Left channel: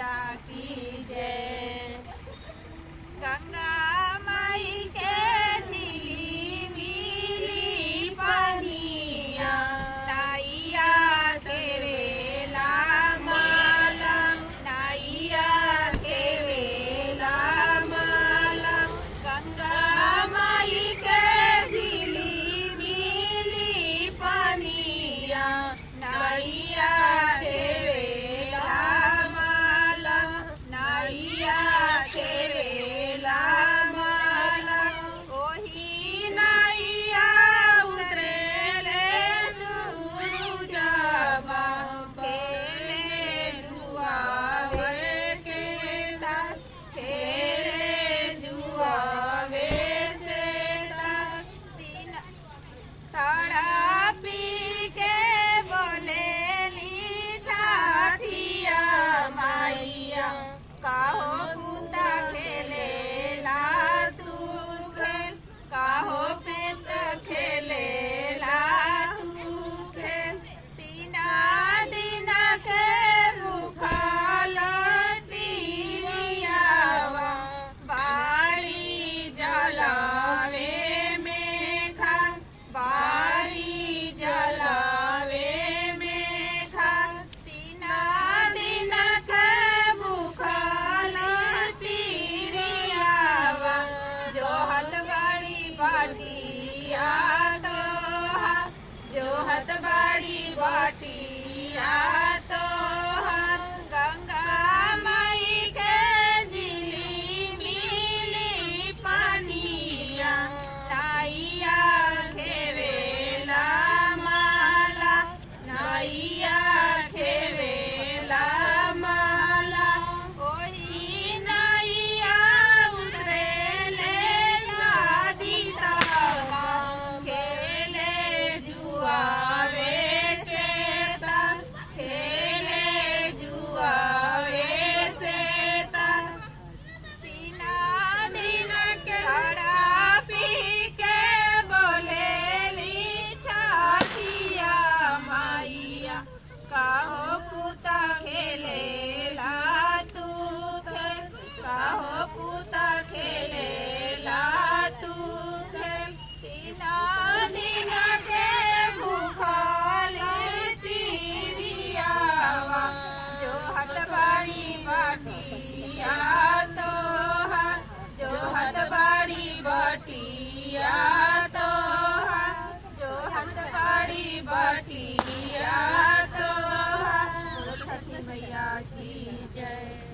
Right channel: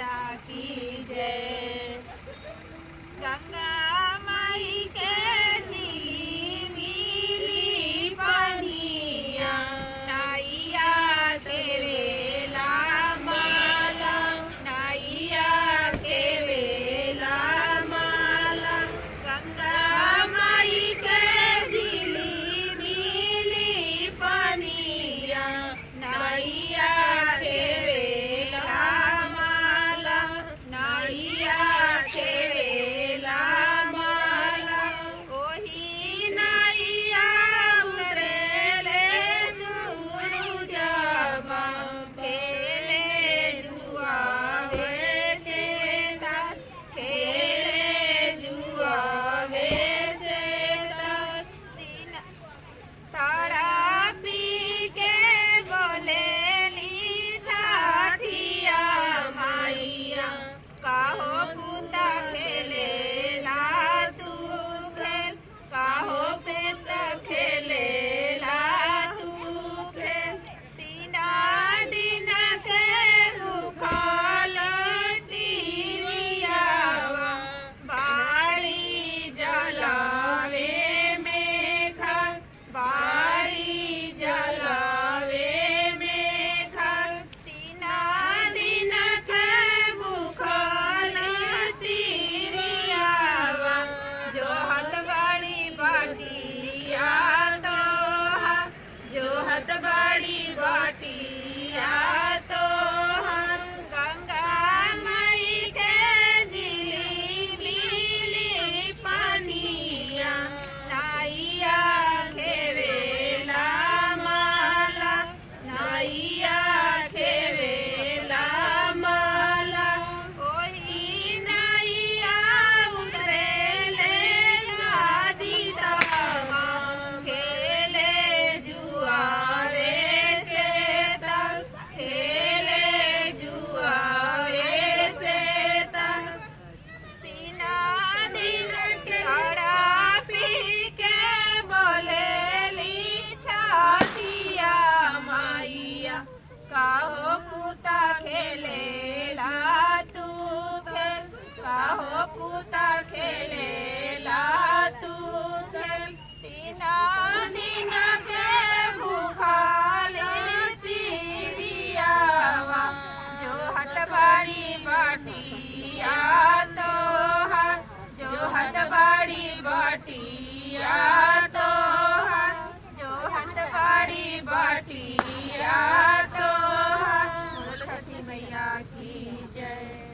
मैया की जय। गंगा माई के झिली मिली पानिया, नाइया के वेला माला, नाइया के वेला माला। गंगा माई के झिली मिली पानिया, नाइया के वेला माला, नाइया के वेला माला। ओही नाइया उतरेले सूरुजवा, खेले जुआवे से तास, खेले जुआवे से तास। तीन ताड़ा पी के बोलेली छाठिया माइया, काहो पूता खेले ला तू खेल, काहो पेट खेले ला तू खेल। तीना दिन के भूखल तिरियावा, बाड़ी जलावे में खाल, बाड़ी जलावे में खाल। तीना दिन के भूखल तिरियावा, जो हत बाड़ी बाटिया तोहार, जो हत बाड़ी बाटिया तोहार। गंगा माई के झिली मिली पानिया, नाइया के वेला माला, नाइया के वेला माला। ओही नाइया उतरेले शादी दावा, खेले जुआवे से तास, खेले जुआवे से तास। तीना दिन के ताड़ा पी के बोलेली छाठिया माइया, काहो पूता खेले ला तू खेल, काहो पूता खेले ला तू खेल। तीना दिन के भूखल तिरियावा, जो हत बाड़ी बाटिया तोहार, जो हत बाड़ी बाटिया तोहार, जो हत बाड़ी बाटिया तोहार। बोलो छठी मैया की जय।